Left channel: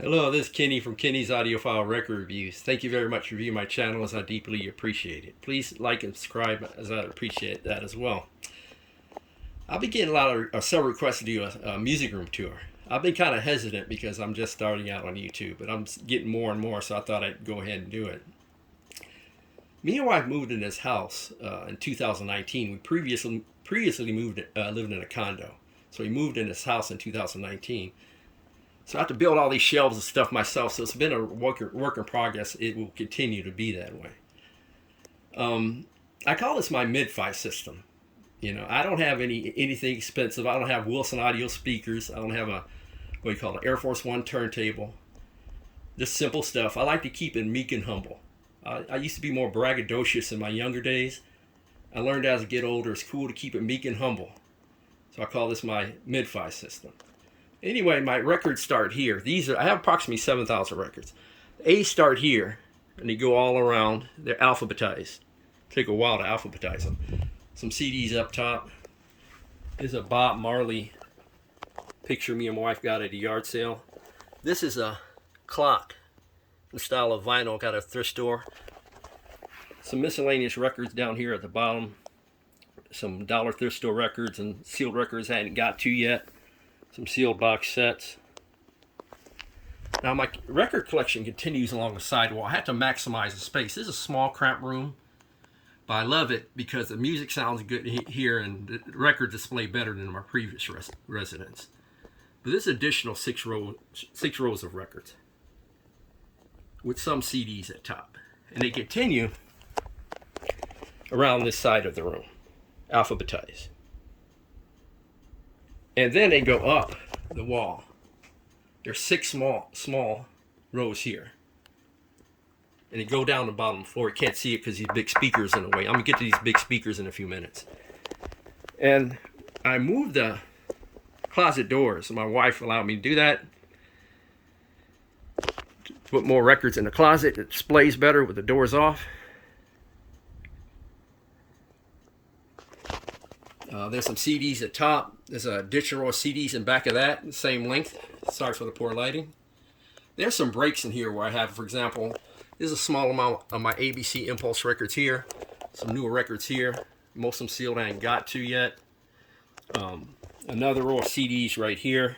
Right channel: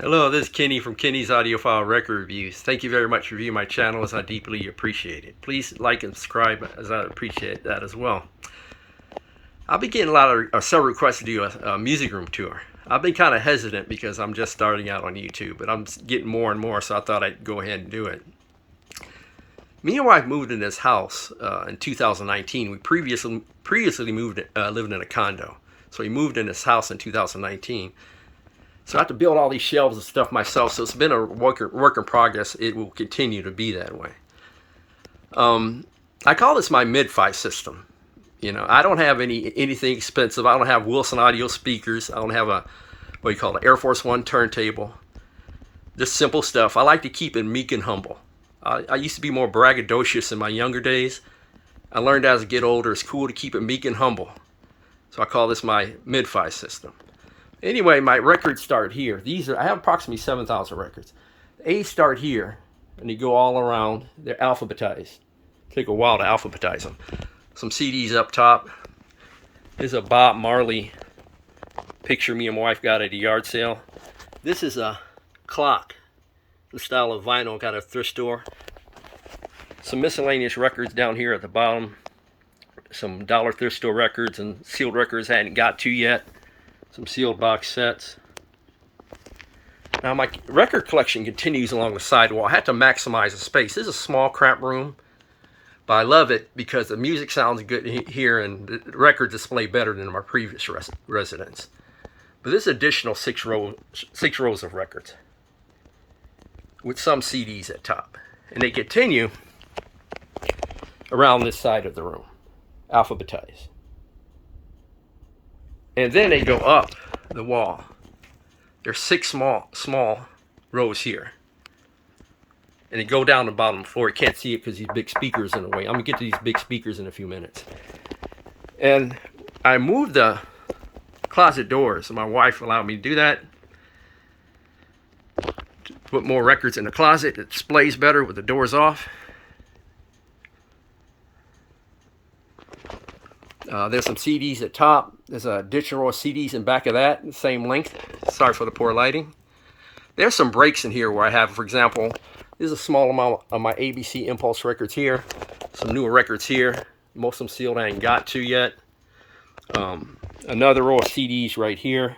Hello, this is Kenny from Kenny's Audiophile Record Reviews. Thank you very much for viewing my channel, as I deeply appreciate it. Please like and subscribe, as I appreciate that as well. I'll be getting a lot of several requests to do a music room tour. I've been kind of hesitant because I'm just starting out on YouTube, but I'm getting more and more, so I thought I'd go ahead and do it. Me and my wife moved in this house in 2019. We previously moved lived in a condo, so we moved in this house in 2019. So I have to build all these shelves and stuff myself. So it's been a work in progress. It will continue to be that way. I call this my mid-fi system. You know, I don't have anything expensive. I don't have Wilson audio speakers. I don't have a, what you call it, Air Force One turntable. Just simple stuff. I like to keep it meek and humble. I used to be more braggadocious in my younger days. I learned as I get older, it's cool to keep it meek and humble. So I call this my mid-fi system. Anyway, my records start here. I have approximately 7,000 records. A start here, and they go all around. They're alphabetized. Take a while to alphabetize them. Some CDs up top. There's a Bob Marley picture me and my wife got at a yard sale. This is a clock, the style of vinyl, got at a thrift store. Some miscellaneous records down here at the bottom. Some dollar thrift store records and sealed records I hadn't got to yet. Some sealed box sets. Now my record collection continues along the sidewall. I had to maximize the space. This is a small, cramped room, but I love it because the music sounds good here and the records display better than my previous residence. But this additional six rows of records with some CDs at top. And they continue around this side of the room, alphabetized. And then they go up the wall. There's six small rows here. And they go down the bottom floor. You can't see it because these big speakers in the way. I'm going to get to these big speakers in a few minutes. And I moved the closet doors. My wife allowed me to do that. Put more records in the closet. It displays better with the doors off. There's some CDs at top. There's a additional row of CDs in back of that, the same length. Sorry for the poor lighting. There's some breaks in here where I have, for example, there's a small amount of my ABC Impulse records here. Some newer records here. Most of them sealed I ain't got to yet. Another row of CDs right here.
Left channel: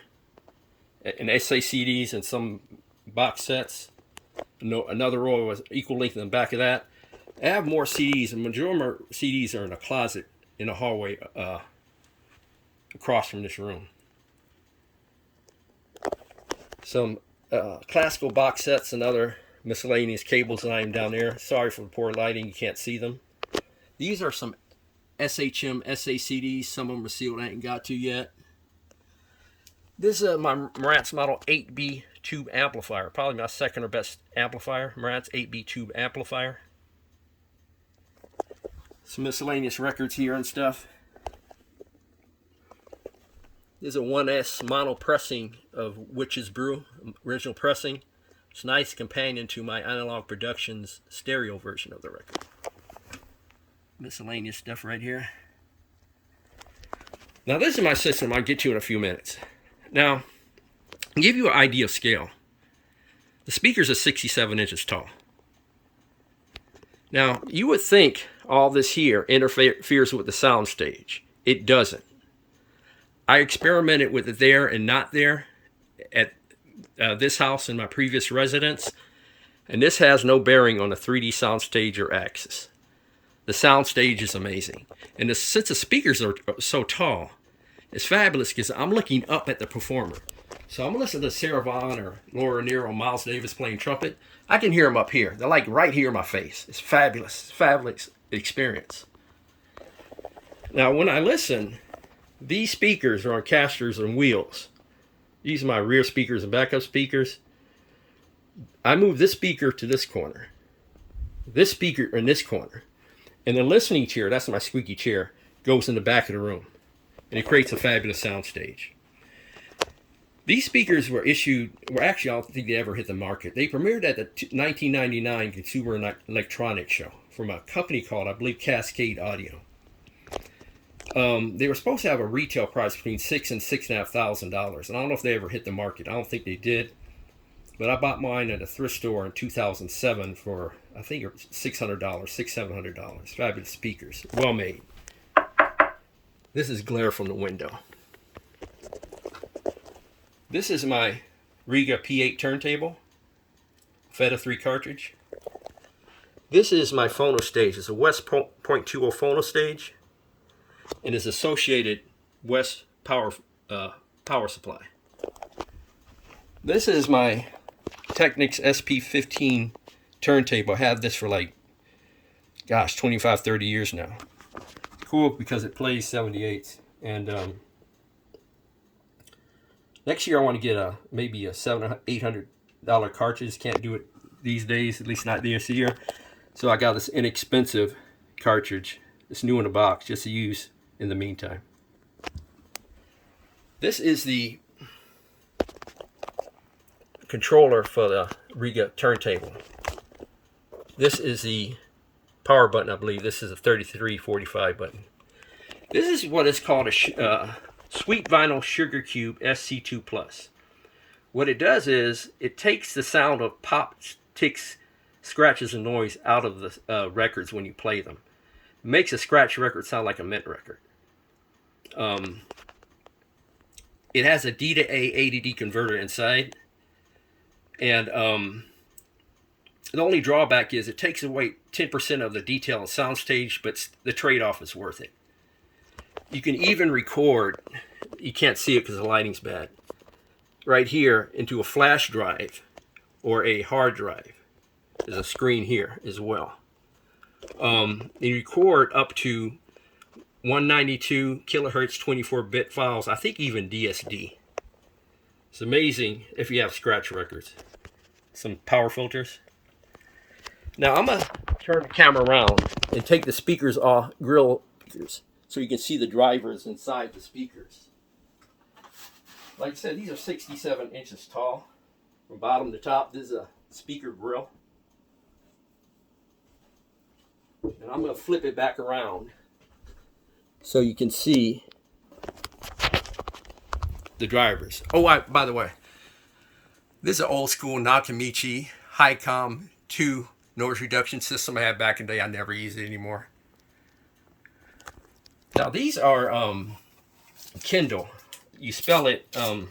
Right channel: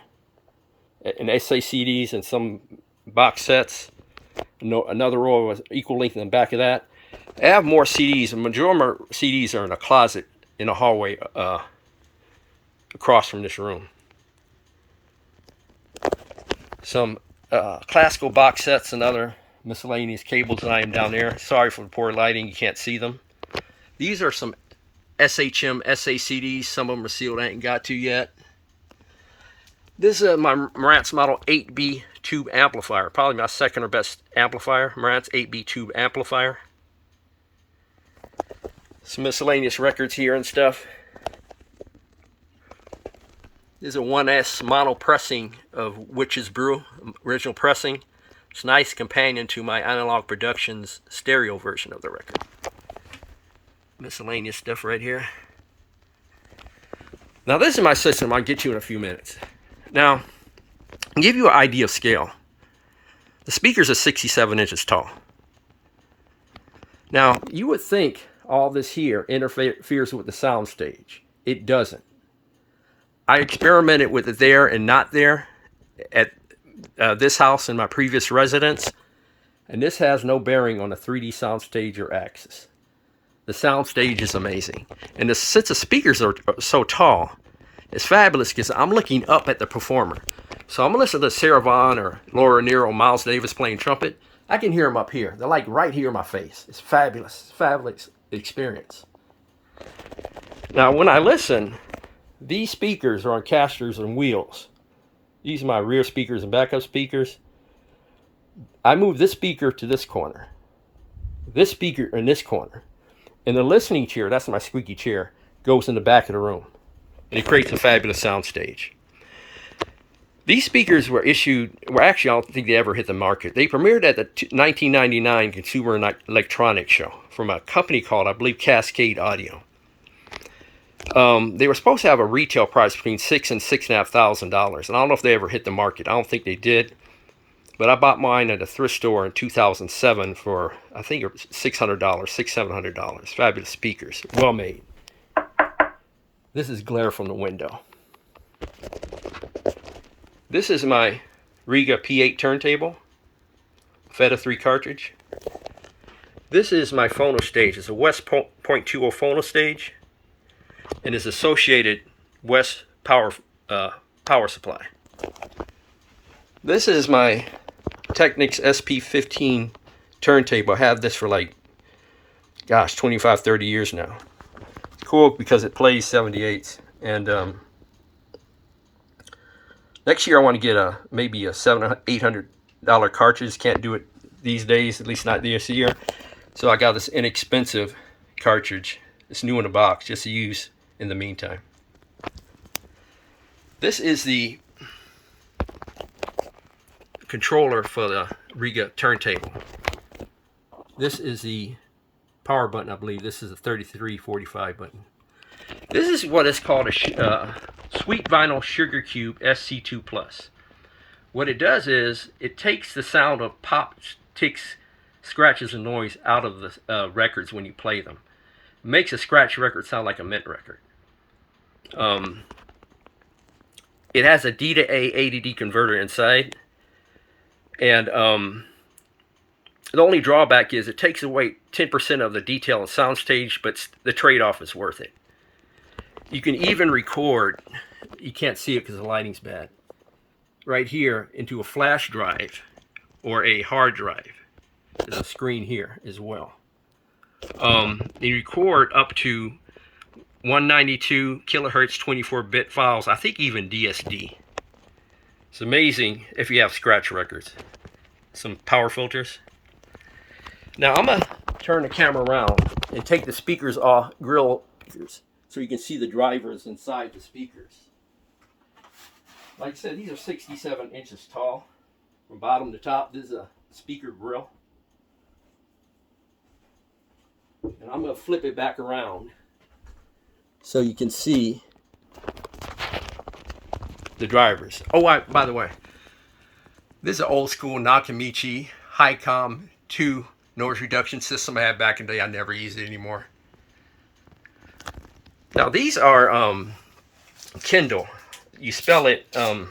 And SACDs and some box sets. Another row of equal length in the back of that. I have more CDs. The majority of my CDs are in a closet in a hallway across from this room. Some classical box sets and other miscellaneous cables that I am down there. Sorry for the poor lighting, you can't see them. These are some SHM SACDs. Some of them are sealed, I ain't got to yet. This is my Marantz model 8B tube amplifier. Probably my second or best amplifier. Marantz 8B tube amplifier. Some miscellaneous records here and stuff. There's a 1S mono pressing of Witch's Brew, original pressing. It's a nice companion to my Analog Productions stereo version of the record. Miscellaneous stuff right here. Now this is my system I'll get to in a few minutes. Now, I'll give you an idea of scale. The speakers are 67 inches tall. Now, you would think all this here interferes with the sound stage. It doesn't. I experimented with it there and not there at this house in my previous residence, and this has no bearing on the 3D soundstage or axis. The soundstage is amazing. And since the speakers are so tall, it's fabulous because I'm looking up at the performer. So I'm listening to Sarah Vaughan or Laura Nero, Miles Davis playing trumpet. I can hear them up here. They're like right here in my face. It's fabulous. Fabulous experience. Now, when I listen, these speakers are on casters and wheels. These are my rear speakers and backup speakers. I move this speaker to this corner. This speaker in this corner. And the listening chair, that's my squeaky chair, goes in the back of the room. And it creates a fabulous sound stage. These speakers were actually, I don't think they ever hit the market. They premiered at the 1999 Consumer Electronics Show from a company called, I believe, Cascade Audio. They were supposed to have a retail price between $6,000 and $6,500. And I don't know if they ever hit the market. I don't think they did. But I bought mine at a thrift store in 2007 for, I think, $600, $700. Fabulous speakers, well made. This is glare from the window. This is my Rega P8 turntable, Apheta 3 cartridge. This is my phono stage. It's a Whest 0.20 phono stage, and is associated Whest power supply. This is my Technics SP-15 turntable. I have this for like, gosh, 25, 30 years now. It's cool because it plays 78s. And next year I want to get maybe a $700, $800 cartridge. Can't do it these days, at least not this year. So I got this inexpensive cartridge. It's new in a box, just to use in the meantime. This is the controller for the Rega turntable. This is the power button, I believe. This is a 3345 button. This is what is called a Sweet Vinyl Sugar Cube SC2 Plus. What it does is it takes the sound of pops, ticks, scratches, and noise out of the records when you play them. It makes a scratch record sound like a mint record. It has a D to A ADD converter inside. And the only drawback is it takes away 10% of the detail and soundstage, but the trade-off is worth it. You can even record, you can't see it because the lighting's bad, right here into a flash drive or a hard drive. There's a screen here as well. You record up to 192 kilohertz 24-bit files, I think even DSD. It's amazing if you have scratch records. Some power filters. Now I'm going to turn the camera around and take the speakers off, grill speakers, so you can see the drivers inside the speakers. Like I said, these are 67 inches tall from bottom to top. This is a speaker grill. And I'm going to flip it back around so you can see the drivers. Oh, by the way, this is an old school Nakamichi Hi-Com 2 noise reduction system I had back in the day. I never use it anymore. Now these are Kindel. You spell it, let's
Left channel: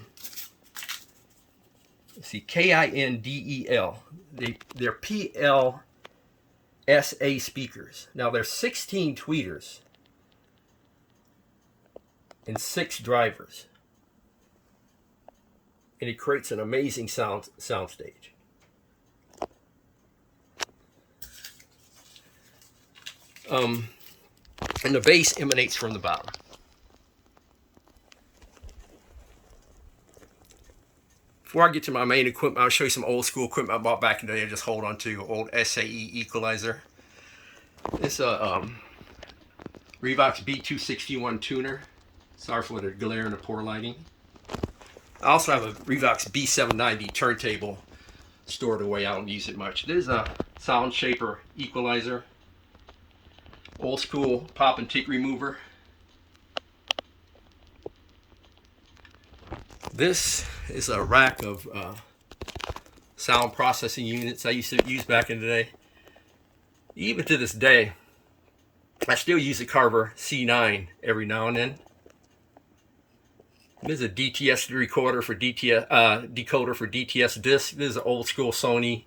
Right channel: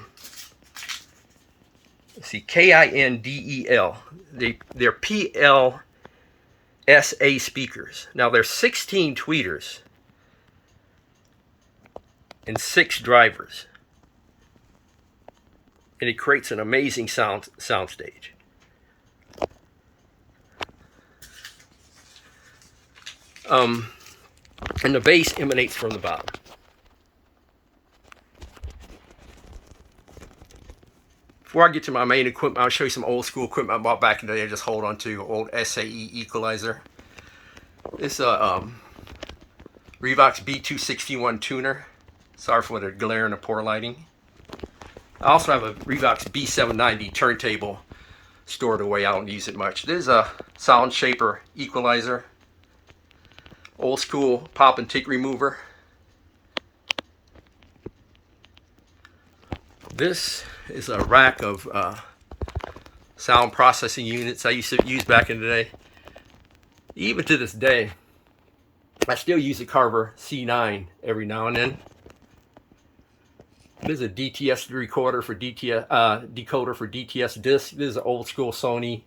see, Kindel. They're PLS-A speakers. Now there's 16 tweeters and 6 drivers. And it creates an amazing soundstage. And the bass emanates from the bottom. Before I get to my main equipment, I'll show you some old school equipment I bought back in the day. I just hold on to old SAE equalizer. This Revox B261 tuner. Sorry for the glare and the poor lighting. I also have a Revox B790 turntable stored away. I don't use it much. This is a sound shaper equalizer. Old school pop and tick remover. This is a rack of sound processing units I used to use back in the day. Even to this day, I still use a Carver C9 every now and then. This is a DTS recorder for DTS decoder for DTS disc. This is an old school Sony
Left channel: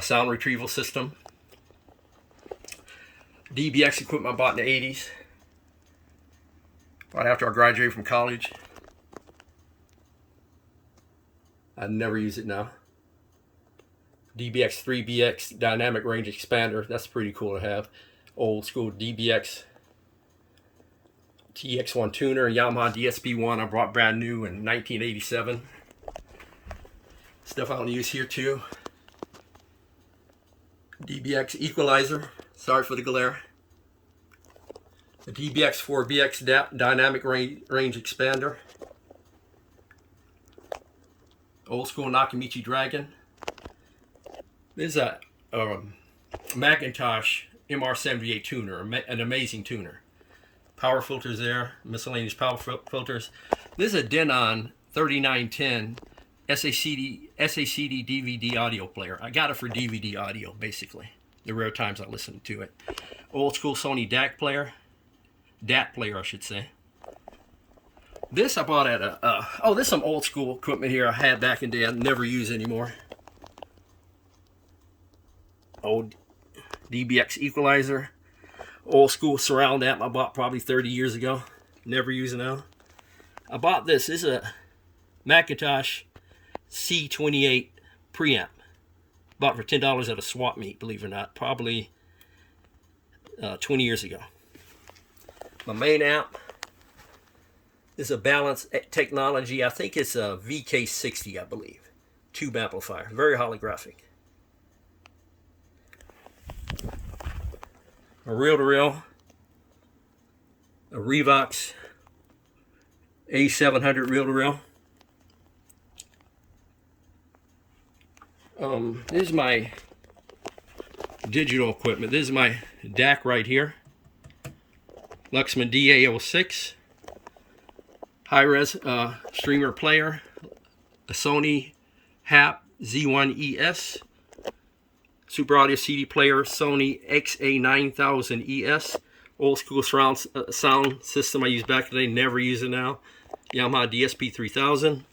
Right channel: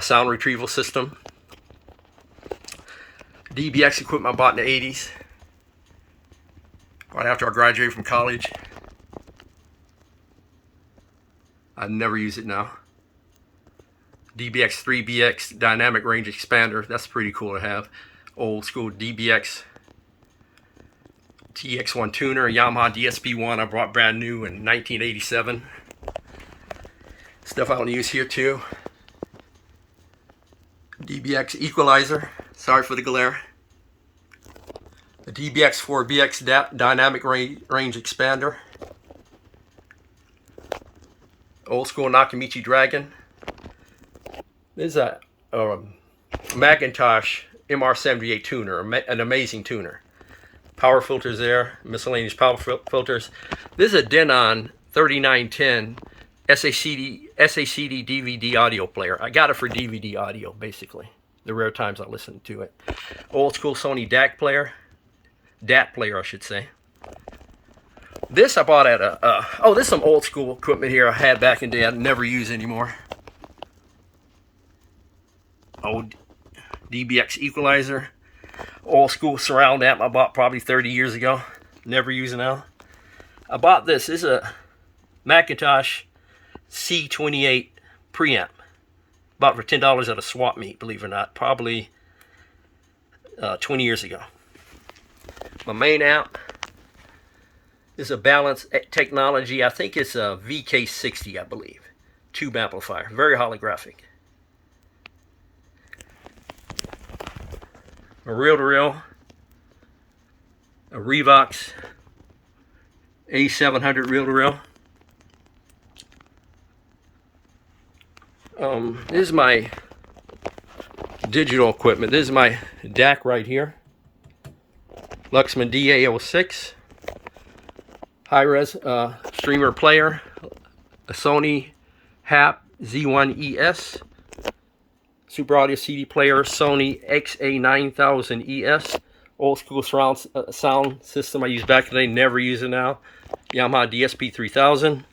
sound retrieval system. DBX equipment I bought in the 80s, right after I graduated from college. I never use it now. DBX 3BX dynamic range expander. That's pretty cool to have. Old school DBX TX1 tuner, Yamaha DSP1 I brought brand new in 1987. Stuff I don't use here too. DBX equalizer. Sorry for the glare. The DBX 4BX dynamic range expander. Old school Nakamichi Dragon. There's a Mcintosh MR78 tuner, an amazing tuner. Power filters there, miscellaneous power filters. This is a Denon 3910 SACD DVD audio player. I got it for DVD audio, basically. The rare times I listen to it. Old school Sony DAC player. DAT player, I should say. This I bought at a, oh, this is some old school equipment here I had back in the day I never use anymore. Old DBX equalizer. Old school surround amp I bought probably 30 years ago. Never use it now. I bought this. This is a Mcintosh C28 preamp. Bought for $10 at a swap meet, believe it or not. Probably 20 years ago. My main amp is a Balance Technology. I think it's a VK60, I believe. Tube amplifier. Very holographic. A reel-to-reel. A Revox A700 reel-to-reel. This is my digital equipment. This is my DAC right here. Luxman DA06. High-res streamer player. A Sony Z1ES. Super Audio CD player. Sony XA9000ES. Old school surround sound system I used back in the day. Never use it now. Yamaha DSP-3000.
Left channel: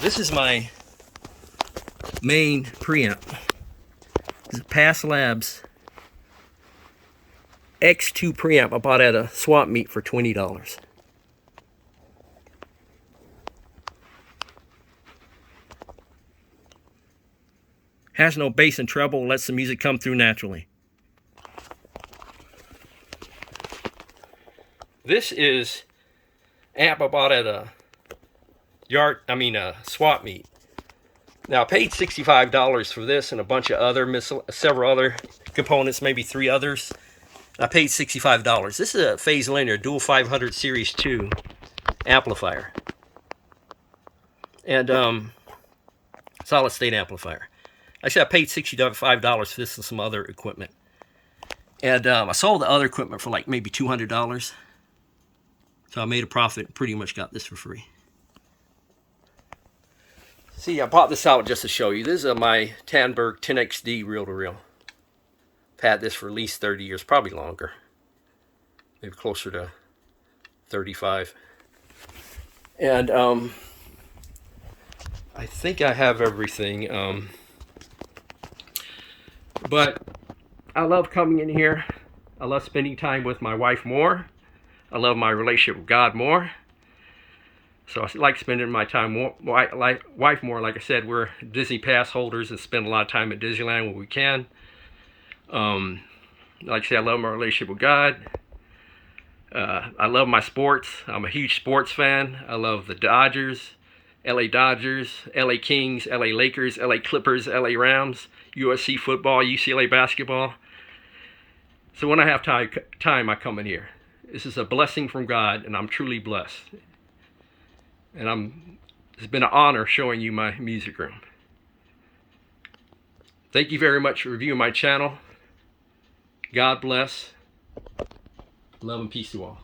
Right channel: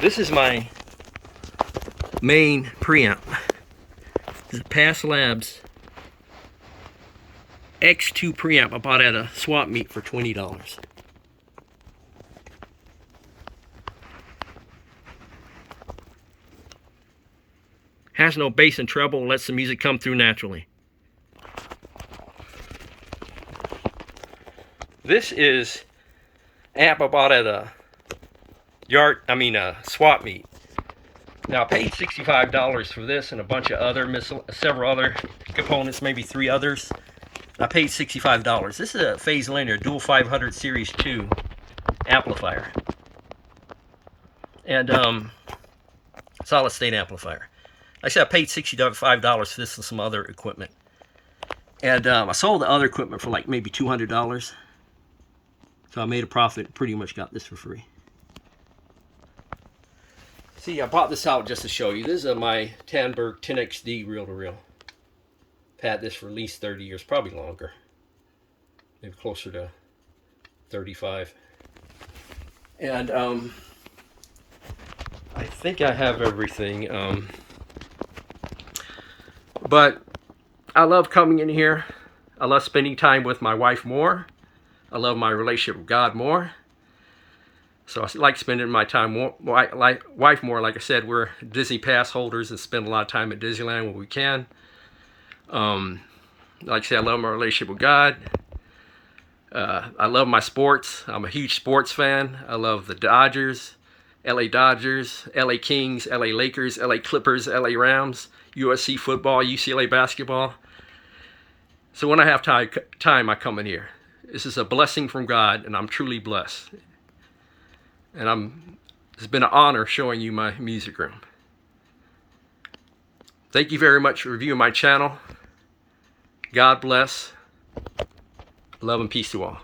This is my main preamp. This is Past Labs X2 preamp I bought at a swap meet for $20. Has no bass and treble and lets the music come through naturally. This is amp I bought at a swap meet. Now I paid $65 for this and a bunch of other several other components, maybe 3 others. I paid $65. This is a phase linear dual 500 series 2 amplifier. And solid state amplifier. Like I said, I paid $65 for this and some other equipment. And I sold the other equipment for like maybe $200. So I made a profit and pretty much got this for free. See, I bought this out just to show you. This is my Tandberg 10XD reel-to-reel. I've had this for at least 30 years, probably longer. Maybe closer to 35. And I think I have everything. But I love coming in here. I love spending time with my wife more. I love my relationship with God more. So I like spending my time more, wife more. Like I said, we're Disney pass holders and spend a lot of time at Disneyland when we can. Like I said, I love my relationship with God. I love my sports. I'm a huge sports fan. I love the Dodgers, LA Dodgers, LA Kings, LA Lakers, LA Clippers, LA Rams, USC football, UCLA basketball. So when I have time, I come in here. This is a blessing from God, and I'm truly blessed. And it's been an honor showing you my music room. Thank you very much for reviewing my channel. God bless. Love and peace to all.